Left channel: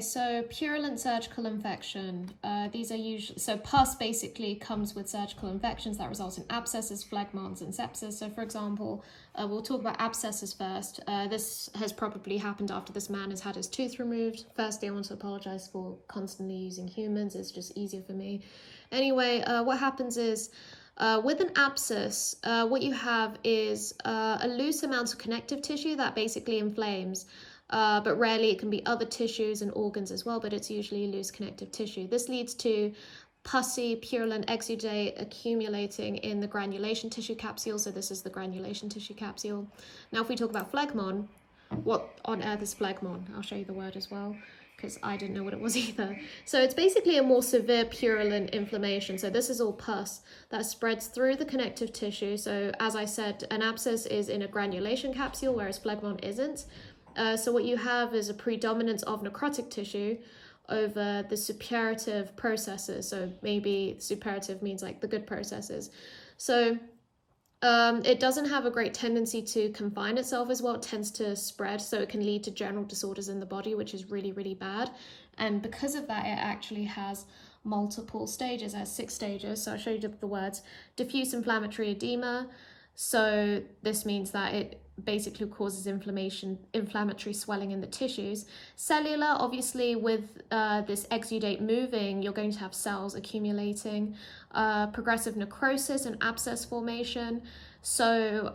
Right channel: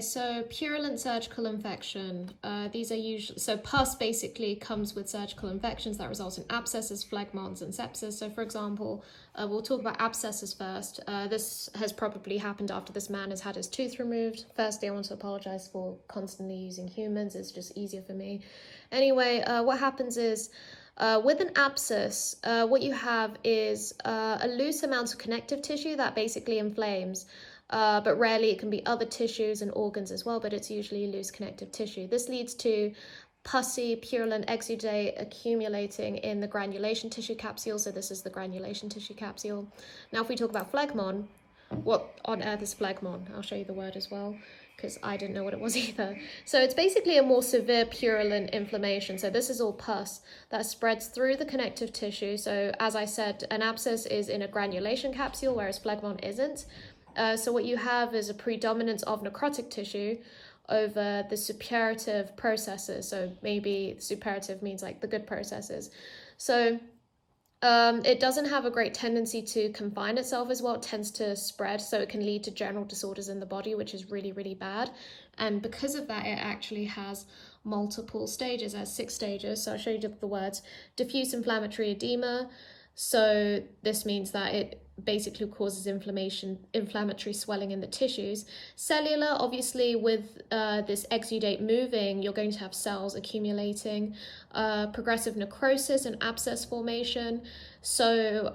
So purulent surgical infection, these are usually, so pus basically comes with surgical infections that result in abscesses, phlegmons and sepsis. So for example, we'll talk about abscesses first. This has probably happened after this man has had his tooth removed. Firstly, I want to apologize for constantly using humans. It's just easier for me. Anyway, what happens is, with an abscess, what you have is a loose amount of connective tissue that basically inflames. But rarely it can be other tissues and organs as well, but it's usually loose connective tissue. This leads to pussy, purulent exudate accumulating in the granulation tissue capsule. So this is the granulation tissue capsule. Now, if we talk about phlegmon, what on earth is phlegmon? I'll show you the word as well, because I didn't know what it was either. So it's basically a more severe purulent inflammation. So this is all pus that spreads through the connective tissue. So as I said, an abscess is in a granulation capsule, whereas phlegmon isn't. So what you have is a predominance of necrotic tissue over the suppurative processes. So maybe suppurative means like the good processes. So it doesn't have a great tendency to confine itself as well. It tends to spread, so it can lead to general disorders in the body, which is really, really bad. And because of that, it actually has multiple stages. It has 6 stages. So I'll show you the words. Diffuse inflammatory edema. So this means that it basically causes inflammatory swelling in the tissues. Cellular, obviously with this exudate moving, you're going to have cells accumulating. Progressive necrosis and abscess formation. So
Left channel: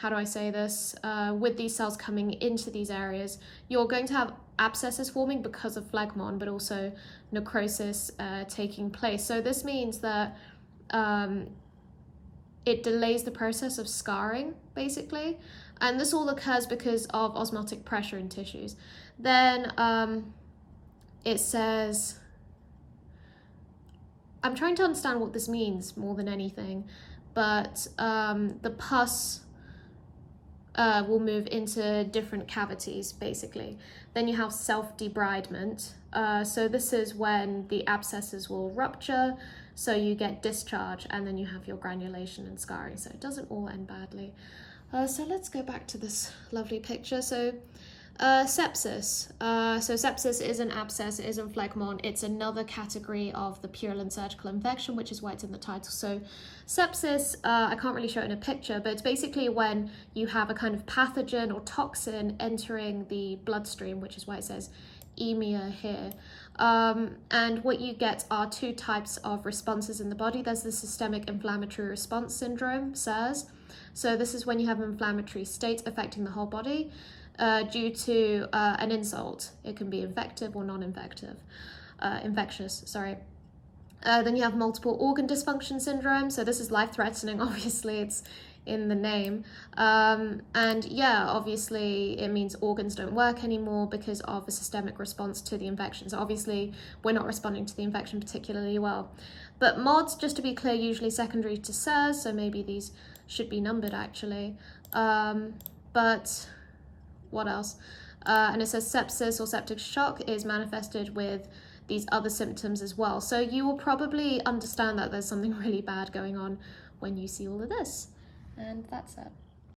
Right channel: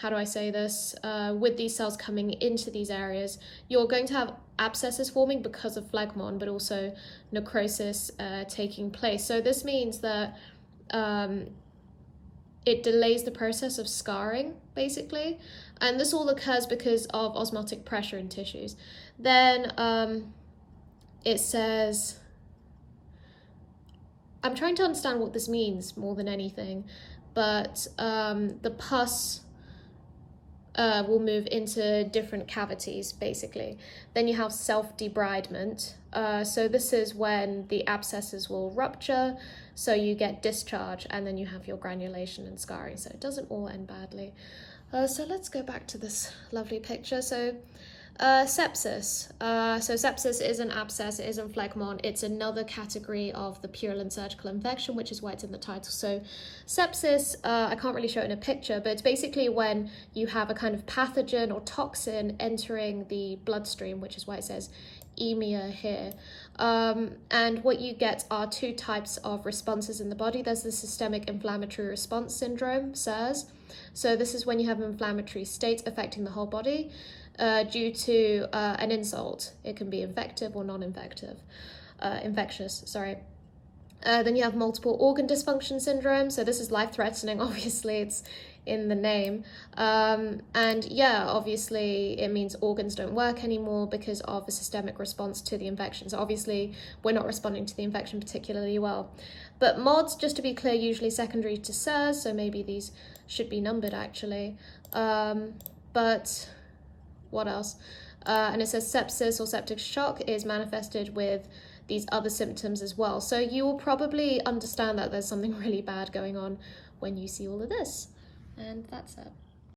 how do I say this? With these cells coming into these areas, you're going to have abscesses forming because of phlegmon, but also necrosis taking place. So this means that it delays the process of scarring, basically. And this all occurs because of osmotic pressure in tissues. Then it says, I'm trying to understand what this means more than anything, but the pus will move into different cavities, basically. Then you have self-debridement. So this is when the abscesses will rupture, so you get discharge, and then you have your granulation and scarring. So it doesn't all end badly. So let's go back to this lovely picture. So sepsis. So sepsis is an abscess, it isn't phlegmon. It's another category of the purulent surgical infection, which is why it's in the title. So sepsis, I can't really show it in a picture, but it's basically when you have a kind of pathogen or toxin entering the bloodstream, which is why it says emia here. And what you get are 2 types of responses in the body. There's the systemic inflammatory response syndrome, SIRS. So this is when you have an inflammatory state affecting the whole body due to an insult. It can be infective or non-infective, infectious, sorry. Then you have multiple organ dysfunction syndrome. So this is life-threatening, obviously, it's in the name. And yeah, obviously it means organs don't work anymore because of a systemic response to the infection. So obviously we're not responding to the infection particularly well. But MODS, just to be clear, usually secondary to SIRS, so maybe these should be numbered actually. But what else? And it says sepsis or septic shock is manifested with these other symptoms as well. So you will probably understand that there's something really bad going on when you see all of this. And that's it.